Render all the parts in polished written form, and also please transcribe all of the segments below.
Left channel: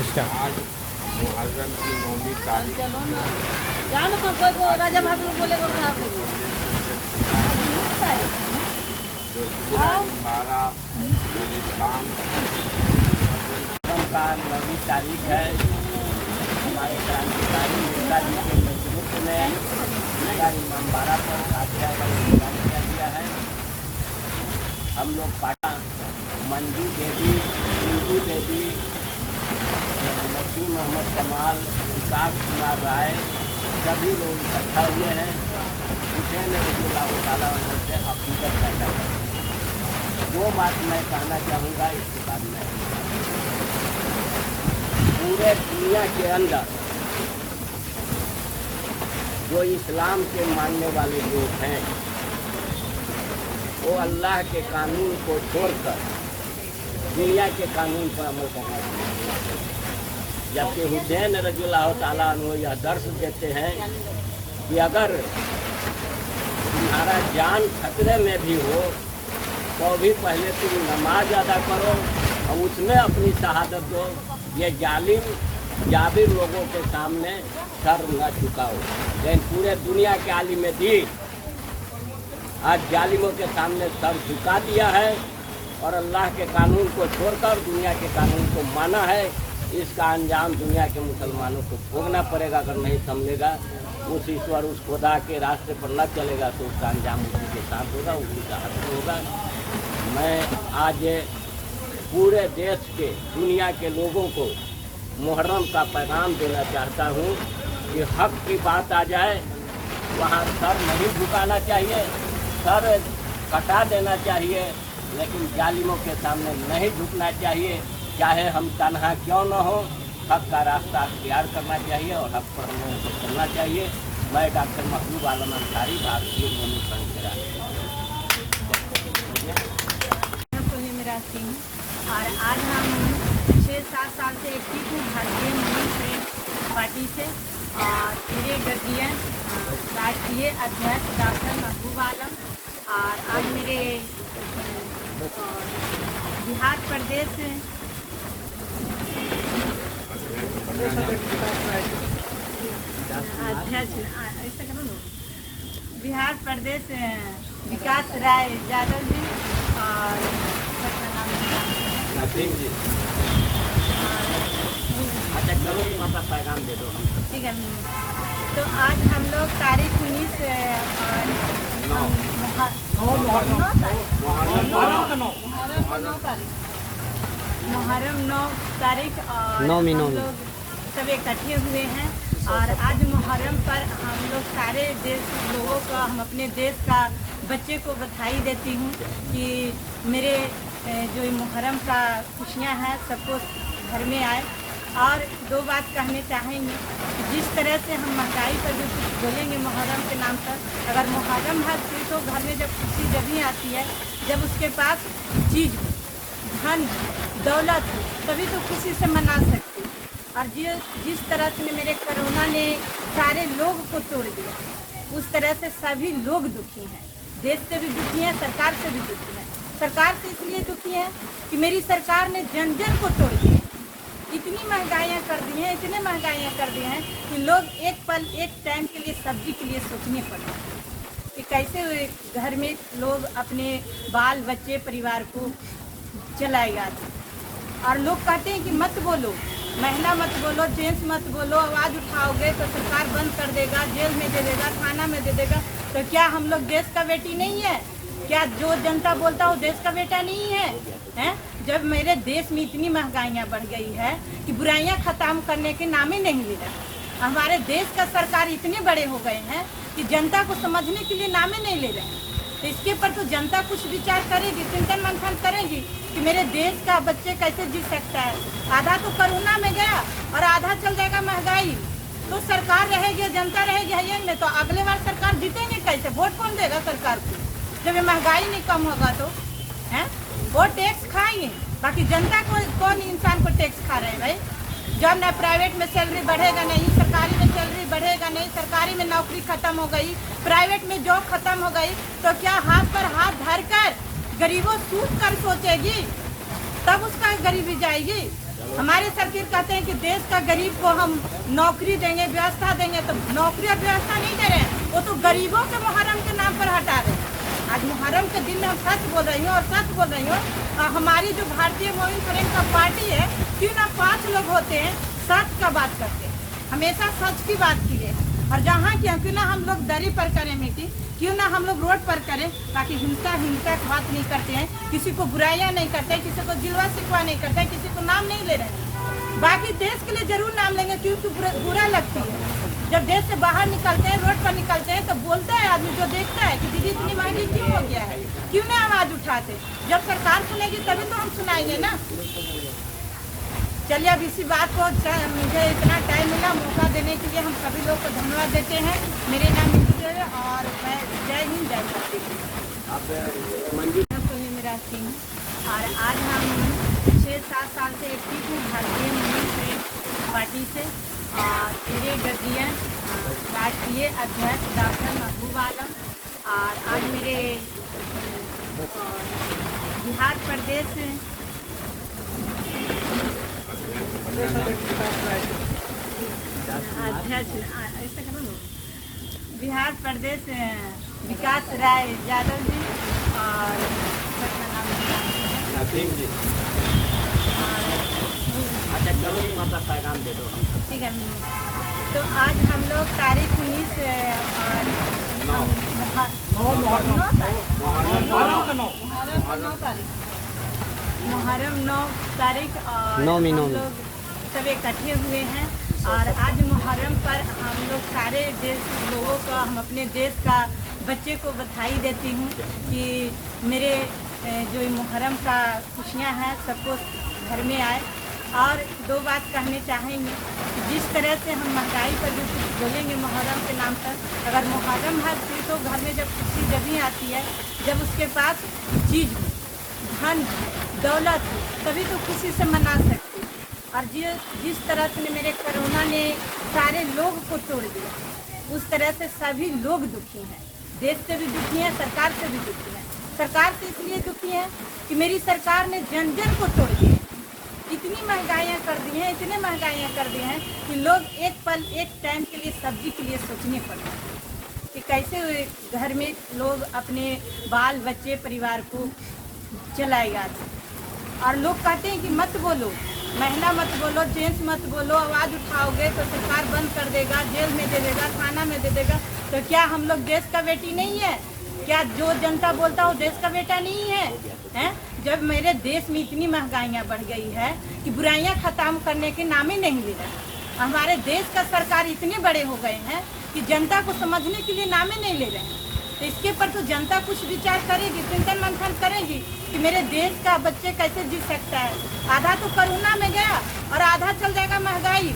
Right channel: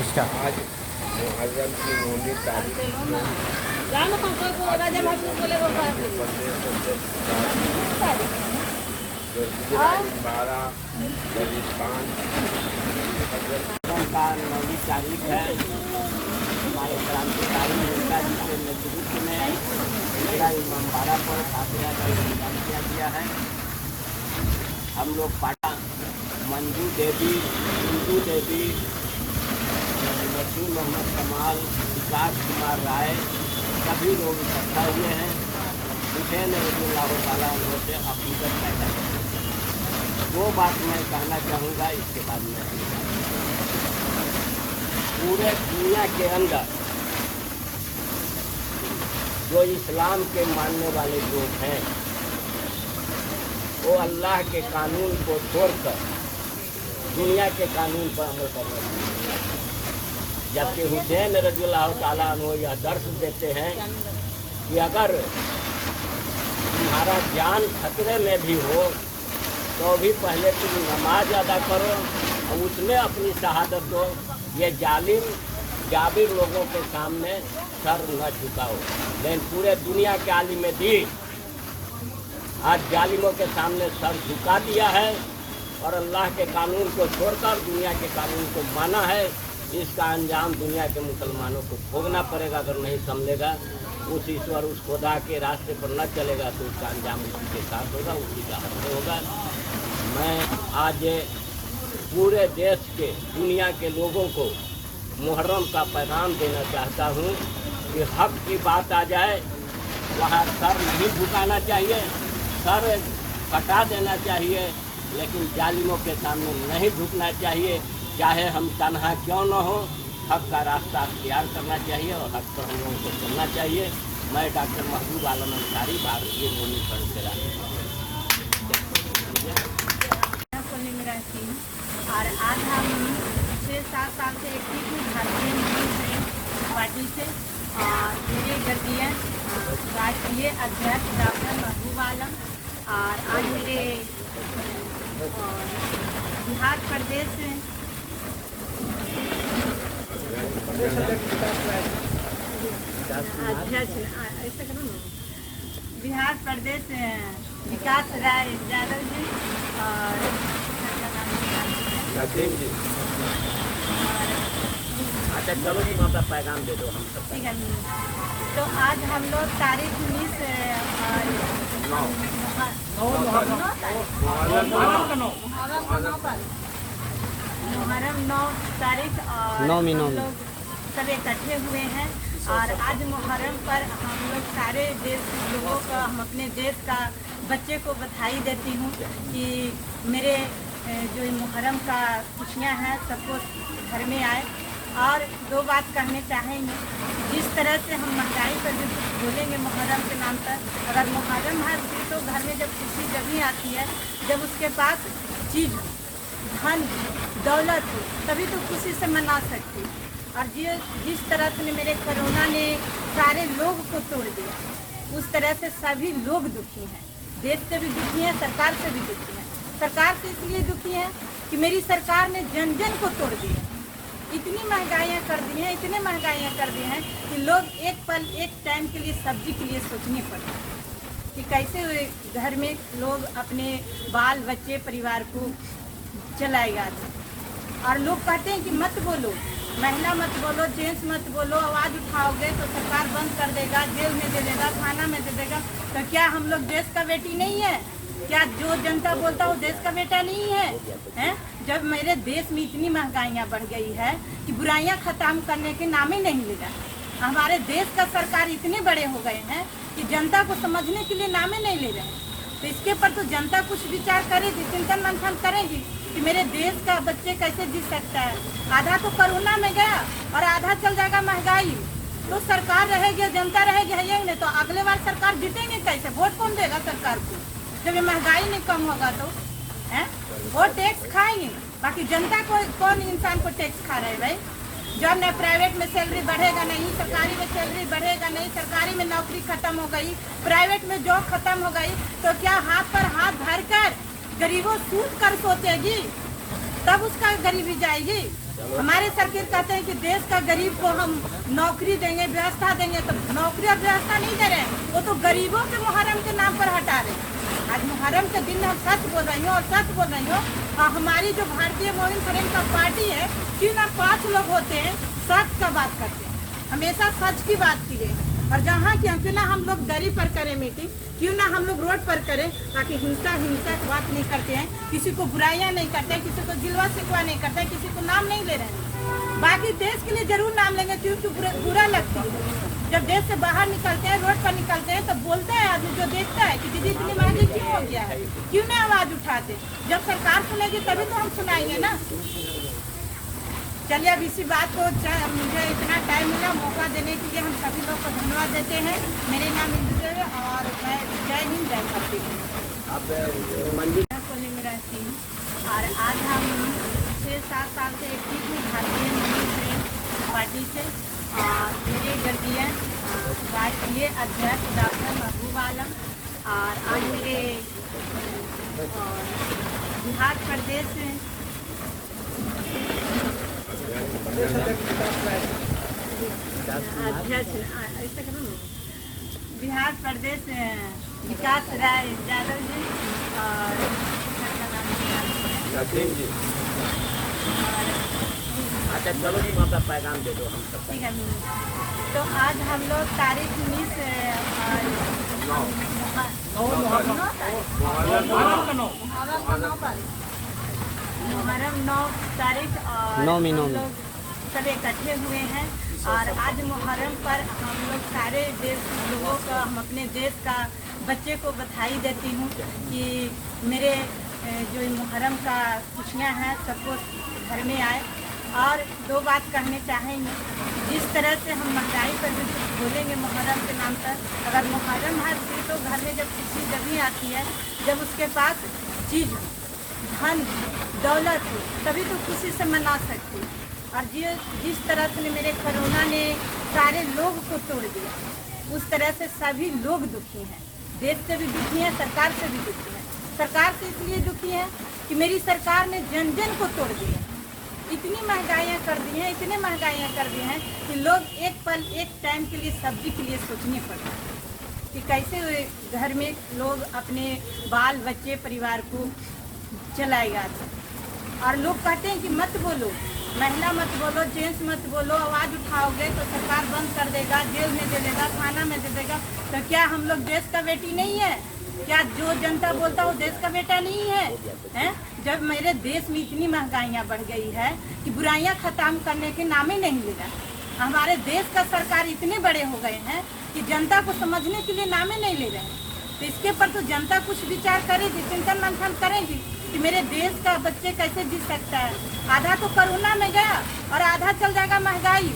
इसका आज मुहर्रम की 9वीं तारीख जानो हम कोई को राजा भाग बोलेगा जो जुलाई 12 बलुचिस्तान का 9वीं तारीख है। हमारे क्रांतिकारी नेता जी के नेतृत्व में मेरा इमामबाड़ा पर फातिहा का इंतजाम किया गया है। हम लोग पाटा मंजू देवी, इंदू देवी, नसीम मोहम्मद कमाल, विकास कुमार राय सभी लोग इकट्ठा हुए हैं। हुसैन रज़ियल्लाहु ताला अन्हु से अक़ीदत पैदा करें। वो बात मैं कहना चाहूँगा, इसके बाद मैं पूरे दुनिया के अंदर जो इस्लाम के मानने वाले लोग हैं वो अल्लाह के कानून को छोड़कर दुनिया के कानून पर अमल करना चाहिए। जबकि हुसैन रज़ियल्लाहु ताला अन्हु यह दर्श देते हैं कि अगर तुम्हारा जान खतरे में भी हो तो भी पहले तुम नमाज अदा करो और उसमें अपनी शहादत दो। ये जालिम जाबिर लोगों के सामने सर न झुकाओ। लेकिन पूरे दुनिया के आलिम दीन आज जालिमों के सामने सर झुका दिया है और अल्लाह के कानून को छोड़कर दुनिया के कानून को माना है। इसका अंजाम दुनिया के मुसलमानों को भोगना पड़ेगा। अगर नहीं समझेगा, उस ईश्वर उस खुदा के रास्ते पर न चलेगा तो उसका अंजाम उसी के साथ होगा, उसी का हक होगा। मैं आज पूरे देश के दुनिया के लोगों को मुहर्रम का पैगाम देना चाहता हूँ कि हक की बात आ जाए वहाँ सर नहीं झुकाना चाहिए, सर कटा देना चाहिए, लेकिन जालिमों के सामने नहीं झुकना चाहिए। चाहे हम तनहा क्यों न हो, हक का रास्ता अख्तियार करना चाहिए और हक पर हम लोगों को चलना चाहिए। मैं डॉक्टर महबूब आलम अंसारी, भारतीय भूमि संघ से और आज हम 6-7 साल से एक्टिव हूँ भारतीय भूमि पार्टी से। और मेरे गर्जियन राष्ट्रीय अध्यक्ष डॉक्टर महबूब आलम और आज मेरे बिहार प्रदेश बिहार प्रदेश विकास राय यादव जी और नसीम जी। अच्छा चलो तुम अपना पैगाम दे दो हम सब। ठीक है। तो आज हम लोग तारीख 19 मुहर्रम 9 तारीख और हम लोग सब इकट्ठे हुए हैं। और आज मुहर्रम पर हम लोग सारे देश लोगों का, हम अपने देश का बच्चे को बधाई देती हूँ कि मेरे जो मुहर्रम का खुशियाँ हैं सबको घर में आए। और 2 बात कहने चाहेंगे, जिस तरह से हम महंगाई पर भी कुछ बोलेंगे मुहर्रम के नाम पर। अगर मुहर्रम है तो घर में जब खुशी जब ही आती है जब उसके पास चीज़ हो, धन हो, दौलत हो, तभी तो खुशी से मना सकती। और जिस तरह से मेरे कोरोना ने सारे लोग को तोड़ दिया, उस तरह से सभी लोग दुखी हैं। देश से भी दुखी हैं, सरकार से भी दुखी हैं। सरकार से इसलिए दुखी है कि मेरी सरकार ने जन जन को तोड़ दिया। इतनी महंगाइयाँ कर दी हैं, इतने महंगाइयाँ कर दी हैं कि लोग एक पल एक टाइम के लिए सब्जी के लिए सोचने पड़ता है कि कैसे घर में लोग अपने बाल बच्चे परिवार को चलाएगा। और लोग कहते हैं कि मत बोलो, महिला मत बोलो, जेंट्स मत बोलो, आवाज़ उठाओगे तो सरकार बंद कर देगा, जेल में दे देगा, थाना में दे देगा। तो क्या हम लोग देश का बेटी नहीं है? क्या जो जनता बोलता हो देश का बेटा नहीं है? हैं? जब मेरे देश में इतनी महंगाइयाँ बढ़ गई है कि बुराइयाँ खत्म करने के नाम ही नहीं ले रहा। हमारे देश का सरकार इतने बड़े हो गए हैं कि जनता को समझने के लिए नाम ही नहीं ले रहे हैं। तो इसके पर तो जनता कुछ विचार करेगी, चिंतन मंथन करेगी कि मेरे देश का बच्चे कैसे जी सकता है। आधा तो कोरोना में गया और आधा चल जाएगा महंगाई। तो सरकार रहेगी, जनता रहेगी, है नहीं तो अगले बार सरकार जीतेंगे कैसे? वोट कौन देगा सरकार को जब ये महंगाई नहीं कम होगा? तो हैं वो टैक्स खाएंगे, बाकी जनता को कौन इंसान को टैक्स खा रहे हैं भाई? जब न प्राइवेट में सैलरी बढ़ेगा नहीं, सरकारी में सैलरी बढ़ेगा नहीं, सरकारी में नौकरी खत्म हो गई, प्राइवेट में जॉब खत्म हो गई, तो क्या हाथ पर हाथ धरकर गरीबों सूट कर सोचेगी? तब उसका गरीबी जाएगी। हमारे सरकार कहते हैं कि देश का गरीब को हम नौकरी देंगे, व्यवस्था देंगे, तो नौकरी और व्यवस्था नहीं दे रहे हैं, वो तो गरीबों के मुहर्रम के नाम पर हटा रहे हैं। आज मुहर्रम के दिन में हम सच बोल रही हूँ और सच बोल रही हूँ। हमारी जो भारतीय मोइन फ्रेंड का पार्टी है, क्यों ना 5 लोग होते हैं सच का बात करते हैं, हमेशा सच की बात की है। और जहाँ की क्यों ना हम लोग दरी पर करें मीटिंग, क्यों ना हम लोग रोड पर करें, ताकि हिंसा की बात नहीं करते हैं, किसी को बुराइयां नहीं करते हैं, किसी को जिलवा शिकवा नहीं करते हैं, किसी को नाम नहीं ले रहे हैं। बाकी देश के लिए जरूर नाम लेंगे, क्योंकि बुरा लगती है। जब देश से बाहर निकलते हैं, रोड पर निकलते हैं, तो बोलते हैं आदमी जो देखता है कि दीदी इतनी महंगी क्यों हो गया है, क्यों नहीं आवाज उठाते। जब सरकार सुनेगी तभी तो हम सुनाएंगे ना। चलिए अब इसी बात को, मुझे इतना टाइम मिला मौका देने के लिए हम सभी लोग को धन्यवाद देते हैं। मेरे नाम इंदु देवी और मैं जय हिंद जय भारती मेरा थी। और आज हम 6-7 साल से एक्टिव हूँ भारतीय मोइन फ्रेंड पार्टी से। और मेरे गर्जियन राष्ट्रीय अध्यक्ष डॉक्टर महबूब आलम, और आज मेरे बिहार प्रदेश बिहार प्रदेश विकास राय यादव जी और नसीम जी। अच्छा चलो माता पैगाम दे दो हम सब। ठीक है। तो आज हम लोग तारीख 19 मुहर्रम 9 तारीख और हम लोग सब इकट्ठे हुए हैं। और आज मुहर्रम पर हम लोग सारे देश लोगों का, हम अपने देश का बच्चे को बधाई देती हूँ कि मेरे जो मुहर्रम का खुशियाँ हैं सबको घर में आए। और 2 बात कहने चाहेंगे, जिस तरह से हम महंगाई पर भी कुछ बोलेंगे मुहर्रम के नाम पर, अगर मुहर्रम है तो घर में जब खुशी जब ही आती है जब उसके पास चीज़ हो, धन दौलत हो, तभी तो खुशी से मना सकते। और जिस तरह से मेरे कोरोना ने सारे लोग को तोड़ दिया, उस तरह से सभी लोग दुखी हैं। देश से भी दुखी हैं, सरकार से भी दुखी हैं। सरकार से इसलिए दुखी है कि मेरी सरकार ने जन जन को तोड़ दिया। इतनी महंगाइयाँ कर दी हैं, इतने महंगाइयाँ कर दी हैं कि लोग एक पल एक टाइम के लिए सब्जी के लिए सोचने पड़ता है कि कैसे घर में लोग अपने बाल बच्चे परिवार को चलाएगा। और लोग कहते हैं कि मत बोलो, महिला मत बोलो, जेंट्स मत बोलो, आवाज़ उठाओगे तो सरकार बंद कर देगा, जेल में दे देगा, थाना में दे देगा। तो क्या हम लोग देश का बेटी नहीं है? क्या जो जनता बोलता हो देश का बेटा नहीं है, हैं? जब मेरे देश में इतनी महंगाइयाँ बढ़ गई है कि बुराइयाँ खत्म करने के नाम ही नहीं ले रहे। हमारे देश का सरकार इतने बड़े हो गए हैं कि जनता को समझने के लिए नाम ही नहीं ले रहे हैं। तो इसके पर तो जनता कुछ विचार करेगी, चिंतन मंथन करेगी कि मेरे देश का बच्चे कैसे जी सकता है। आधा तो कोरोना में गया और आधा चल जाएगा महंगाई।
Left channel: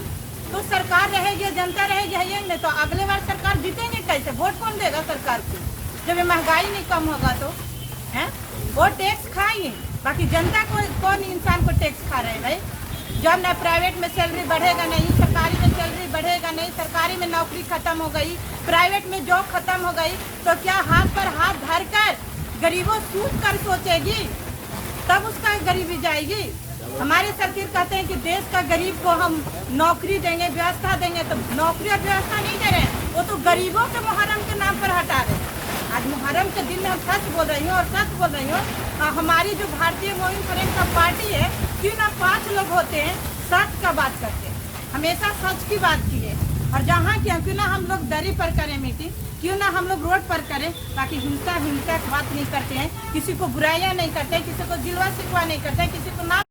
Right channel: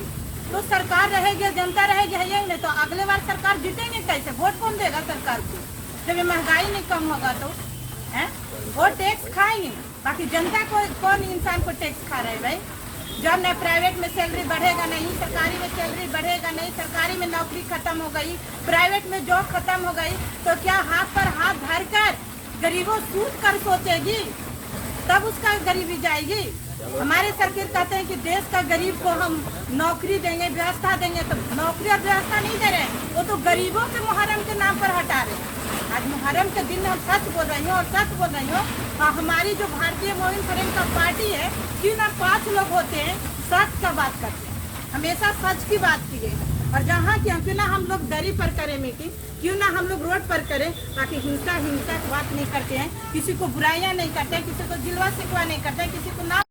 तो सरकार रहेगी, जनता रहेगी, है नहीं तो अगले बार सरकार जीतेंगे कैसे? वोट कौन देगा सरकार को जब ये महंगाई नहीं कम होगा? तो है वो टैक्स खाएंगे, बाकी जनता को कौन इंसान को टैक्स खा रहे भाई? जब न प्राइवेट में सैलरी बढ़ेगा नहीं, सरकारी में सैलरी बढ़ेगा नहीं, सरकारी में नौकरी खत्म हो गई, प्राइवेट में जॉब खत्म हो गई, तो क्या हाथ पर हाथ धरकर गरीबों सूद कर सोचेगी? तब उसका गरीबी जाएगी। हमारे सरकार कहते हैं कि देश का गरीब को हम नौकरी देंगे, व्यवस्था देंगे, तो नौकरी और व्यवस्था नहीं दे रहे हैं, वो तो गरीबों के मुहर्रम के नाम पर हटा रहे हैं। आज मुहर्रम के दिन में हम सच बोल रही हूँ और सच बोल रही हूँ। हमारी जो भारतीय मोइन फ्रेंड का पार्टी है, क्यों ना 5 लोग होते हैं सच का बात करते हैं, हमेशा सच की बात की है। और जहाँ की क्यों ना हम लोग दरी पर करें मीटिंग, क्यों ना हम लोग रोड पर करें, ताकि हिंसा की बात नहीं करते हैं, किसी को बुराइयां नहीं करते हैं, किसी को जिलवा शिकवा नहीं करते हैं, किसी को नाम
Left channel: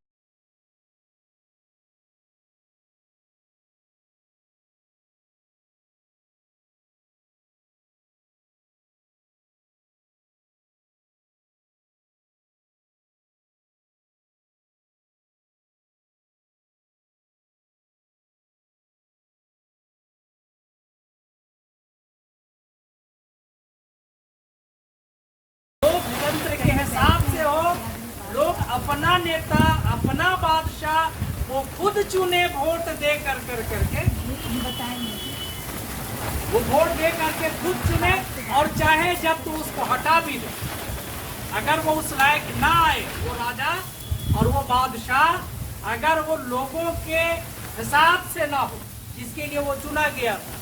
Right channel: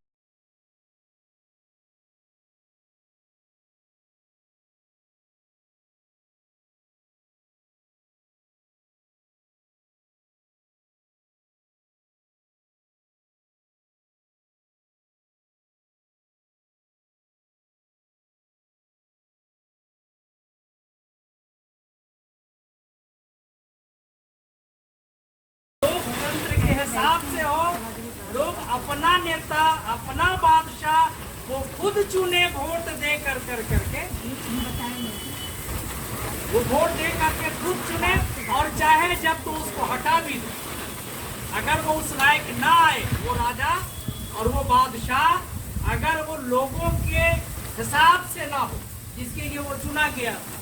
के हिसाब से हो। लोग अपना नेता, अपना बादशाह वो खुद चुने, वोट दे कर करके वो वोट दे करके खुद चुने, और चाहे जब तो उसको हटा भी दे। अगर वो उस लायक ना आए, वो राजा और वो बादशाह अगर वो लोगों के हिसाब से ना हो जिसके लिए वो चुना गया था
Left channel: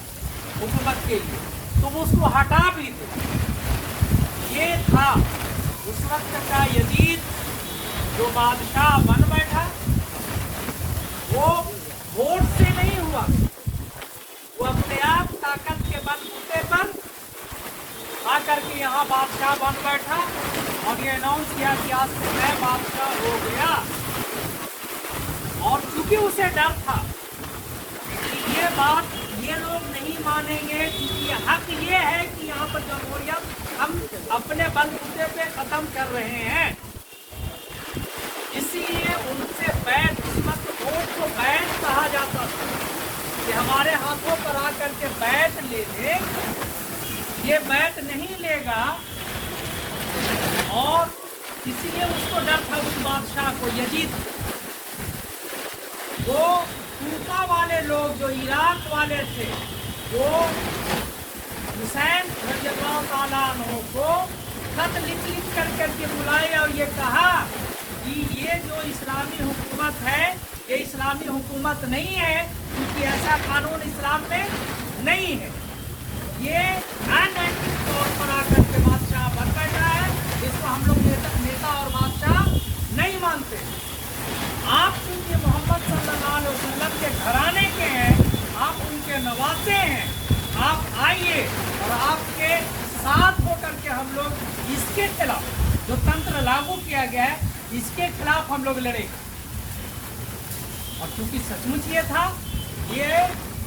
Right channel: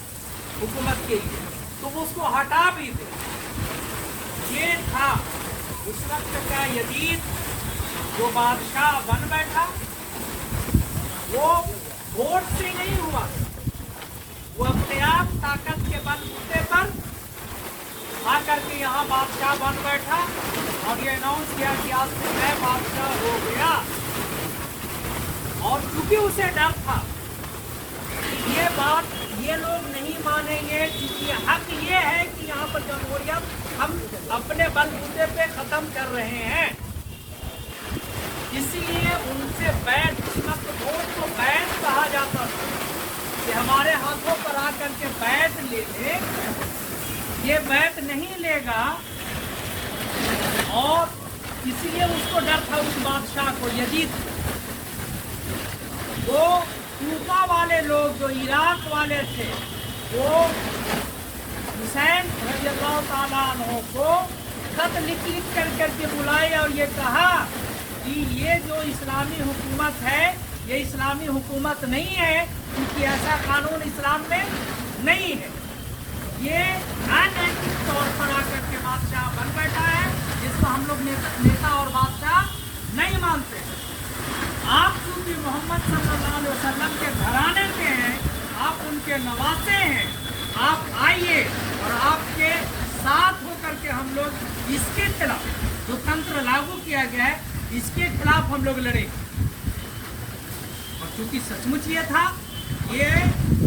हुकूमत के लिए, तो वो उसको हटा भी दे। ये था उस वक्त का यजीद जो बादशाह बन बैठा। वो वोट से नहीं हुआ, वो अपने आप ताकत के बलबूते पर आकर के यहाँ बादशाह बन बैठा और ये अनाउंस किया कि आज से मैं बादशाह हो गया। और चूंकि उसे डर था कि ये बात ये लोग नहीं मानेंगे, क्योंकि हक ये है कि यहाँ पर जमहूरियत हम अपने बलबूते पे खत्म कर रहे हैं, इसलिए उनसे बैत, इस वक्त वोट को बैत कहा जाता था कि हमारे हाथों पर आकर के बैत ले ले। ये बैत नहीं लेगा और इसीलिए उसको डर था उस बादशाह को, यजीद। वो कूफा वाले लोग जो इराक वाले थे वो हुसैन रज़ियल्लाहु ताला अन्हु को खत लिख करके बुलाए और ये कहा कि ये जो इस्लामी हुकूमत है ये इस्लामी हुकूमत नहीं है, क्योंकि ऐसा कानून इस्लाम में नहीं है। ये अनैतिक तौर पर आकर के बादशाह बन बैठा है, जिसको हम लोग नेता और बादशाह नहीं मानते। आप चूंकि मोहम्मद सल्लल्लाहु अलैहि वसल्लम के घराने के हैं, आप उनके नवासे हैं, आप आइए और आपके साथ होकर के हम लोग इसके खिलाफ जो तंत्र लागू किया गया है इसके खिलाफ हम लोग लड़े। और चूंकि सचमुच ये था, ये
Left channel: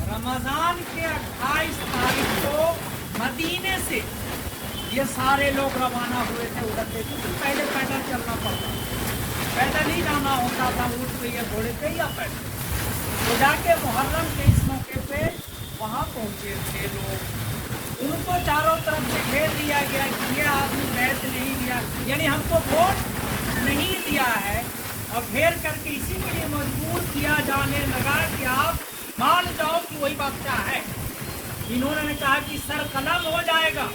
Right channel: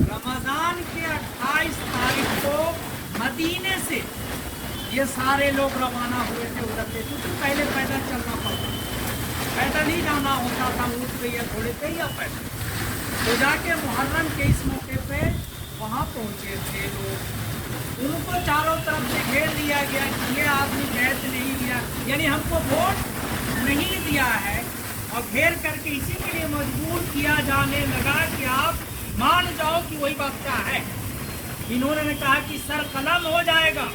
रमजान के 28 तारीख को मदीने से ये सारे लोग रवाना हुए थे उधर से, क्योंकि पहले पैदल चलना पड़ता, पैदल ही जाना होता था, ऊँट पे या घोड़े पे या पैदल। तो जाके मुहर्रम के इस मौके पे वहाँ पहुँचे थे लोग, उनको चारों तरफ से घेर लिया गया कि ये आदमी बैत नहीं दिया, यानी हमको वोट नहीं दिया है, और घेर करके इसी के लिए मजबूर किया जाने लगा कि आप मान जाओ कि वही बादशाह है। इन्होंने कहा कि सर कलम हो जाएगा,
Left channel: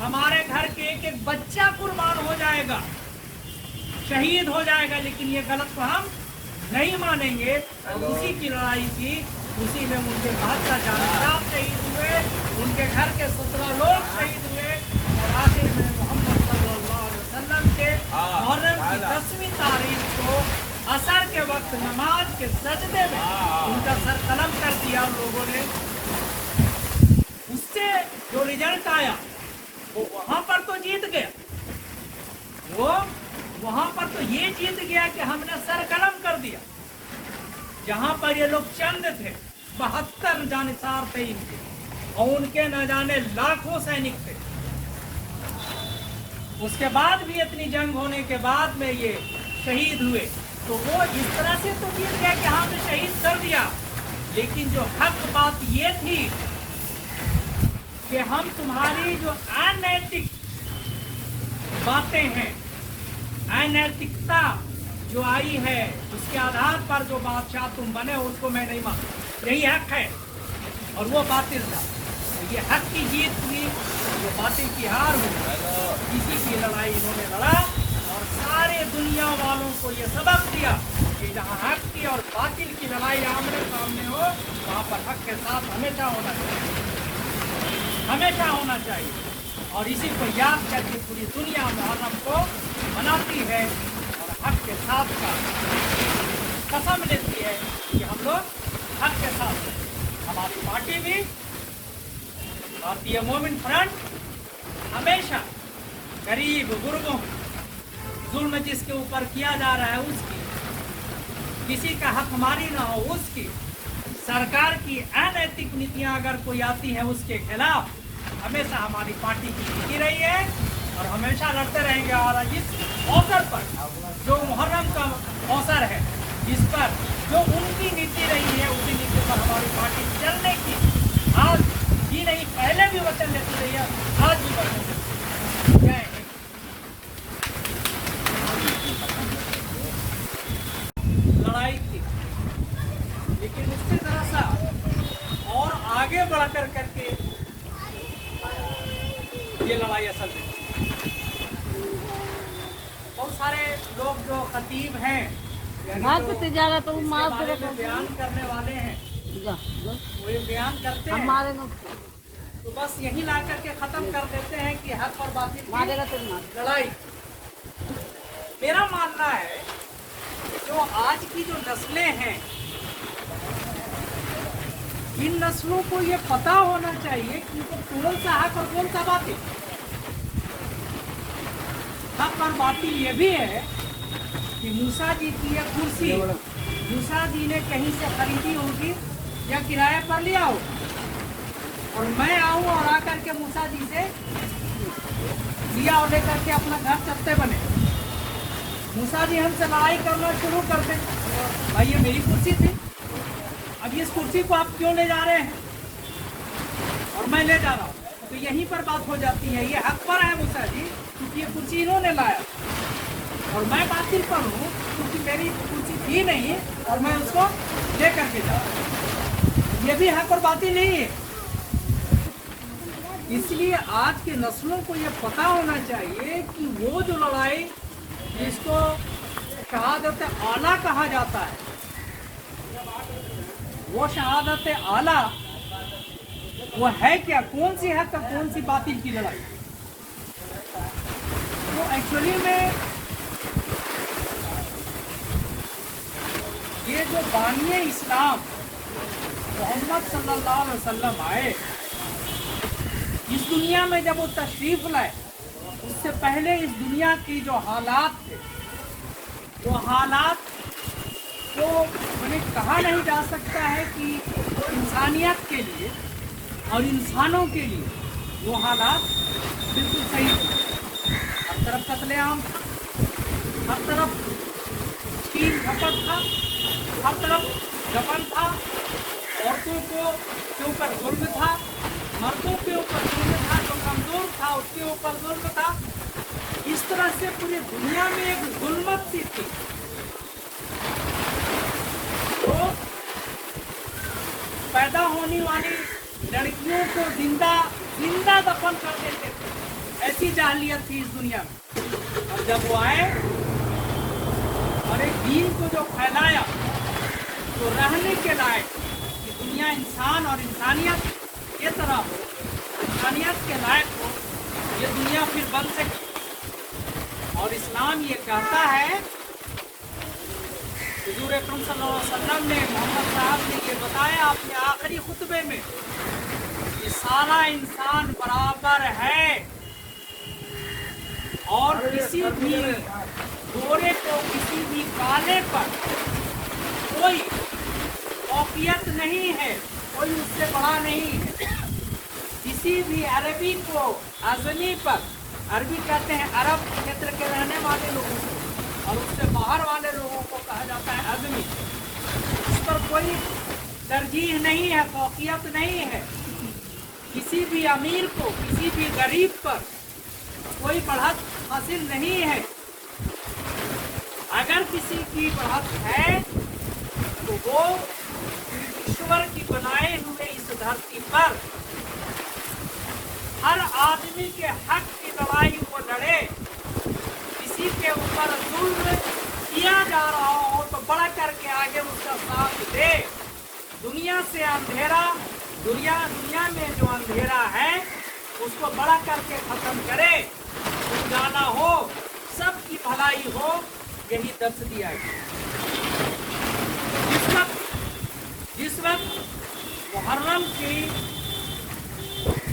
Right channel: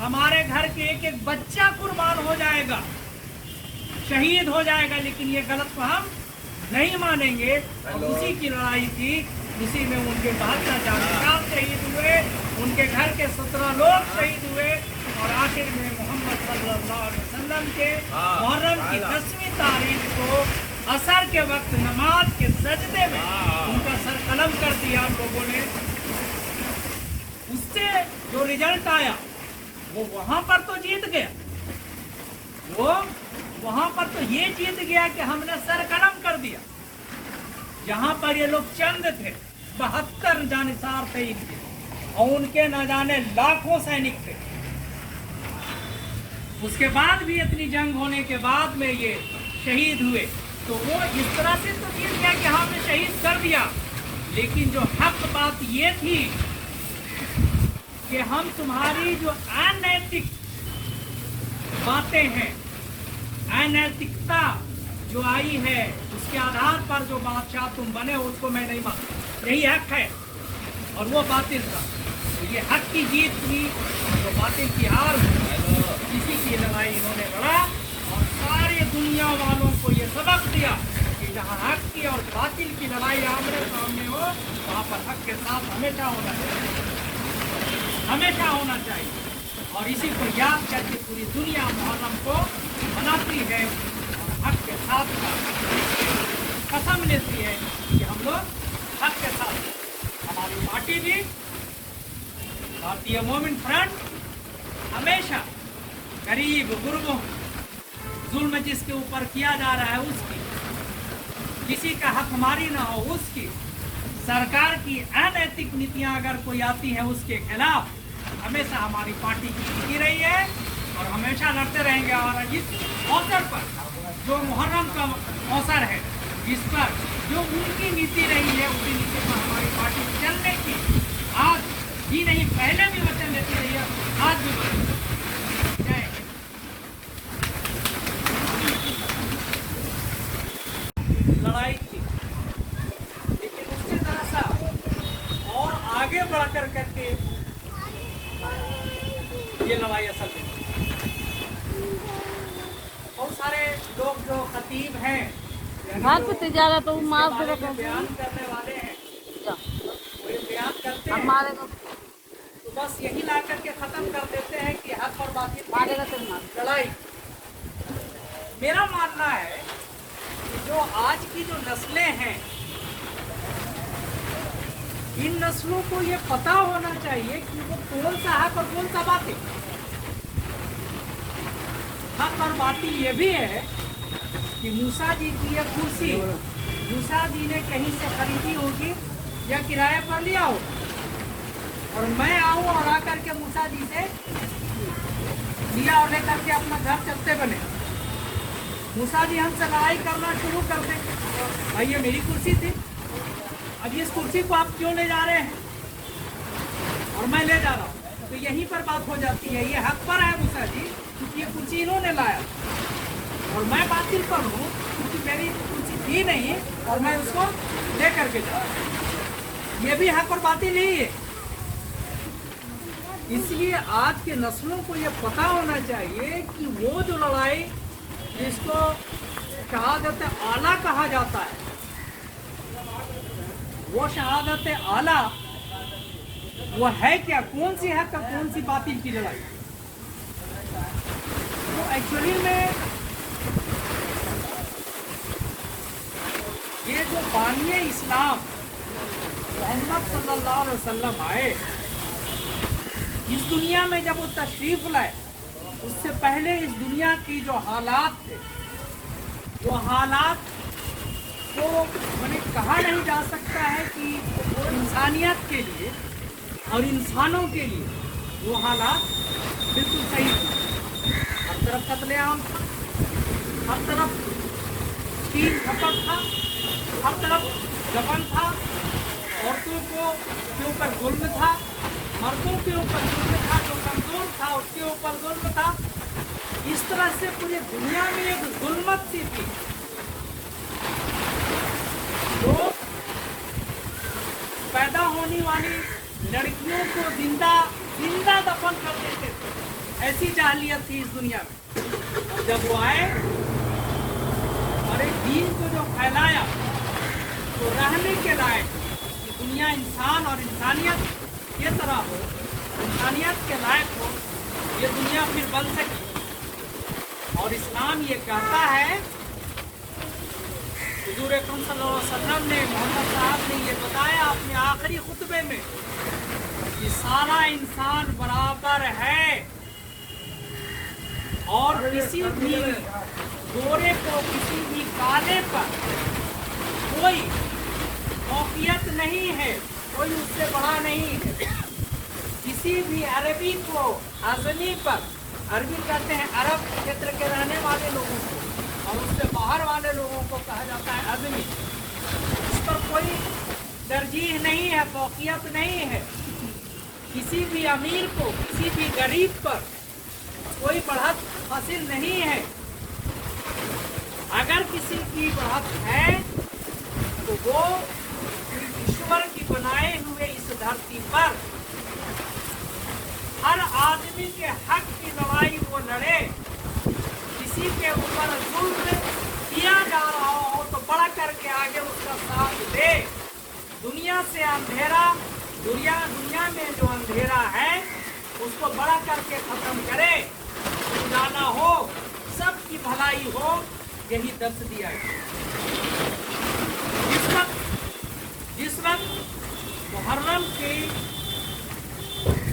हमारे घर के एक एक बच्चा कुर्बान हो जाएगा, शहीद हो जाएगा, लेकिन ये गलत को हम नहीं मानेंगे। और उसी की लड़ाई थी, उसी में उनके 72 जानकार शहीद हुए, उनके घर के 17 लोग शहीद हुए, और आखिर में मोहम्मद सल्लल्लाहु अलैहि वसल्लम के मुहर्रम की 10वीं तारीख को असर के वक्त नमाज के सजदे में उनका सर कलम कर दिया लोगों ने। उससे जो रिजल्ट आया वो वहां पर तो जीत गया, वो वहां पर तो ये जीत गया कि हमने सर कलम कर दिया। जहां पर ये लोग चंद थे, 72 जानिसार थे इनके, और उनके न जाने लाखों सैनिक थे। उसके बाद भी इतनी जंग होने के बाद में ये शहीद हुए, तो वो इस तरह से तो जीत गया कि हमने शहीद कर दिया। लेकिन जो हक बात ये थी कि हम तुम्हारी जो अनैतिक बातें हैं, अनैतिकता जो आई है, उसके आधार पर जो बादशाह तुम बने हो उसको मैं नहीं मानता, यही हक है, और वो बातिल था। ये हक की जीत हुई, जो बातिल की हार हुई, इसी की लड़ाई इन्होंने लड़ा और सारे दुनिया वालों को ये सबक दिया कि जहाँ हक की और बातिल की लड़ाई आमने सामने हो, वहाँ पर हक के साथ हमेशा होना चाहिए, हमेशा होना चाहिए। और इसी को याद करके पूरी दुनिया मुहर्रम को मनाती है और हक के साथ कसम लेती है कि हम लोग हक के साथ हैं। हमारी पार्टी भी भारतीय मोमिन फ्रंट हमेशा गरीब गुरबों, जुल्म जिसके ऊपर किया जा रहा है उसकी, किसी का हक मारी ना हो उसकी, सरकार की अनैतिक नीतियां अगर कोई आती हैं उसके खिलाफ हमेशा हमारी पार्टी की नीति रही है और हमेशा लड़ते रहेंगे। और इस अवसर पर जो मुहर्रम का अवसर है, जिस पर जो उनकी नीति रही है उसी नीति पर हमारी पार्टी चलने की आज ही नहीं, पहले भी वचन देती रही है, आज भी वचन देती है। लड़ाई थी, लेकिन उससे जरा सा और आगे बढ़कर करके ये लड़ाई असल में बहुत सारे लोग जो खतीब हैं भाग के जा रहा तो बयान करने वाले हैं, वो ये बयान करते हैं तो बस यही ला करके खत्म कर देते हैं कि हक और बातिल की लड़ाई। मेरा मानना है कि जो आज की जो नस्लें हैं, इन नस्लों को ये पता होना चाहिए कि वो कौन सा हक और कौन सा बातिल। हक और बातिल ये भी है कि मूसा जी की यह कुर्सी मूसा जी ने कहीं से खरीदी होगी या किराए पर लिया हो, और मैं आऊं और आकर के मूसा जी से लिया और लेकर के अपना घर चलते बने। मूसा जी हमसे लड़ाई करना शुरू कर दें, भाई ये मेरी कुर्सी थी, अब इस कुर्सी को आप क्यों ले जा रहे हैं और मैं ले जा रहा हूँ, तो यहीं पर बात हो जाती है। ये हक पर है मूसा जी क्योंकि ये कुर्सी इन्होंने लाया, और मैं बातिल पर हूँ क्योंकि मेरी कुर्सी थी नहीं और मैं उसको ले करके जा रहा हूँ। ये भी हक और बातिल नहीं है। इसलिए आज के नस्लों को ये पता होना चाहिए कि वो जो लड़ाई जिसको शहादत आला कहा जाता है, वो शहादत आला वो है क्या, कौन सी हक और कौन सी बातिल की लड़ाई। वो एक्चुअली में ये जो बानिए इस्लाम मोहम्मद सल्लल्लाहु अलैहि वसल्लम आए इस दुनिया में, जब वो तशरीफ लाए उससे पहले इस दुनिया की जो हालात थे, वो हालात को मैंने कहा नहीं जा सकता है कि इंसानियत के लिए और इंसानों के लिए वो हालात बिल्कुल सही थे। हर तरफ कत्लेआम था, हर तरफ तीन घपट था, हर तरफ गबन था, औरतों के ऊपर जुल्म था, मर्दों के ऊपर जुल्म था, जो कमजोर था उसके ऊपर जुल्म था। इस तरह से पूरी दुनिया में एक जुल्मत सी थी। तो पैदा होने वाली लड़कियों को जिंदा दफन कर देते थे, ऐसी जाहिलियत थी इस दुनिया में। और जब वो आए और एक दीन को जो फैलाया तो रहने के लायक कि दुनिया इंसान और इंसानियत ये तरह हो, इंसानियत के लायक हो, ये दुनिया फिर बन सके। और इस्लाम ये कहता है, हुजूर अकरम सल्लल्लाहु अलैहि वसल्लम ने, मोहम्मद साहब ने ये बताया अपने आखिरी खुतबे में कि सारा इंसान बराबर है और किसी भी गोरे को किसी भी काले पर कोई फौकियत नहीं है, कोई उससे बड़ा नहीं है। किसी भी अरबी को आजमी पर, अरबी कहते हैं अरब क्षेत्र के रहने वाले लोगों को, और उससे बाहर वाले लोगों को कहा जाता है आजमी। इस पर कोई तरजीह नहीं है, फौकियत नहीं है। किसी भी अमीर को, किसी भी गरीब पर कोई बढ़त हासिल नहीं है। अगर किसी की बढ़त है तो वो ईश्वर की बनाए हुए इस धरती पर हर आदमी के हक की लड़ाई वो लड़े। किसी के ऊपर जुल्म किया जा रहा हो तो बढ़ करके आगे उसका साथ दे। दुनिया से अंधेरा, दुनिया में जो अंधेरा है उसको बढ़ा करके खत्म करे, उजाला हो, सबकी भलाई हो, यही दर्श दिया गया। जिस वक्त मुहर्रम की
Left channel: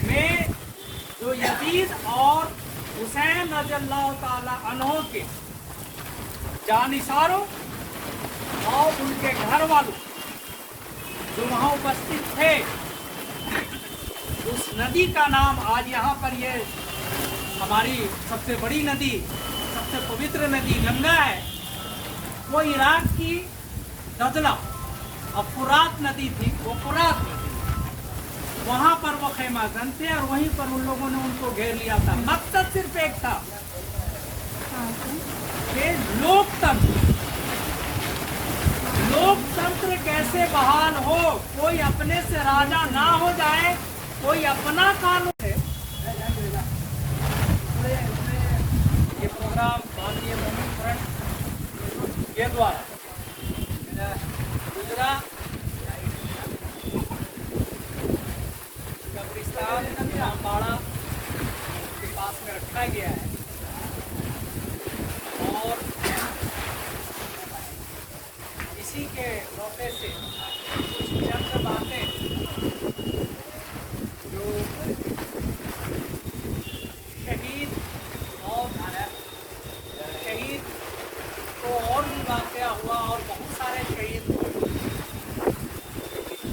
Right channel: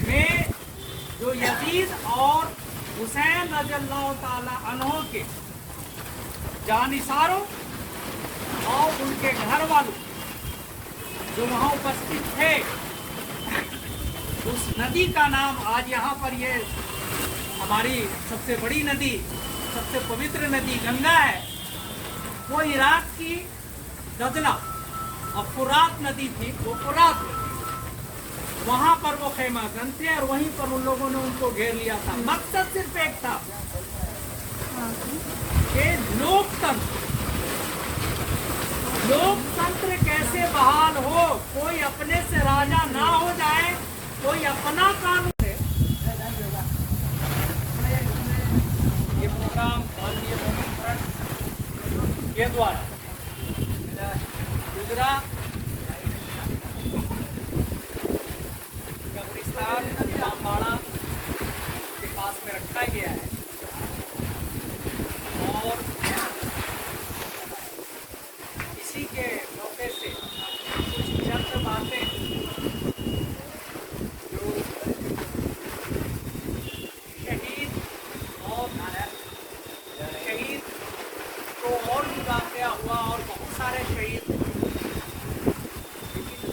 में जो यजीद और हुसैन रज़ियल्लाहु ताला अन्हो के जानिसारों और उनके घर वालों जो वहाँ उपस्थित थे, उस नदी का नाम आज यहाँ पर ये हमारी सबसे बड़ी नदी, सबसे पवित्र नदी गंगा है। वो इराक की दजला और फुरात नदी थी, वो फुरात नदी, वहाँ पर वो खैमागन थे और वहीं पर उन लोगों ने उनको घेर लिया था। मकसद सिर्फ एक था कि लोकतंत्र कैसे बहाल हो, कोई अपने से राजा ना हो जाए, कोई अपना कानून है। ये प्रोग्राम भारतीय वुमेन फ्रंट के द्वारा हमारा कब्रिस्तान इमामबाड़ा के पास में रखा गया है और इसी के मौके से कुछ चंद बातें जो शहीद और शहीद तो और भी वाक़या हुआ और बहुत सारे शहीद,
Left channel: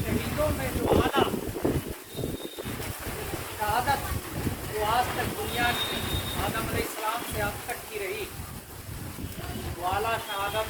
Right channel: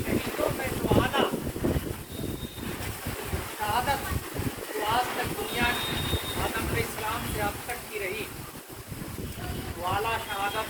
शहीदों में जो आला शहादत जो आज तक दुनिया की आदम अलैहिस्सलाम से अब तक की रही, वो आला शहादत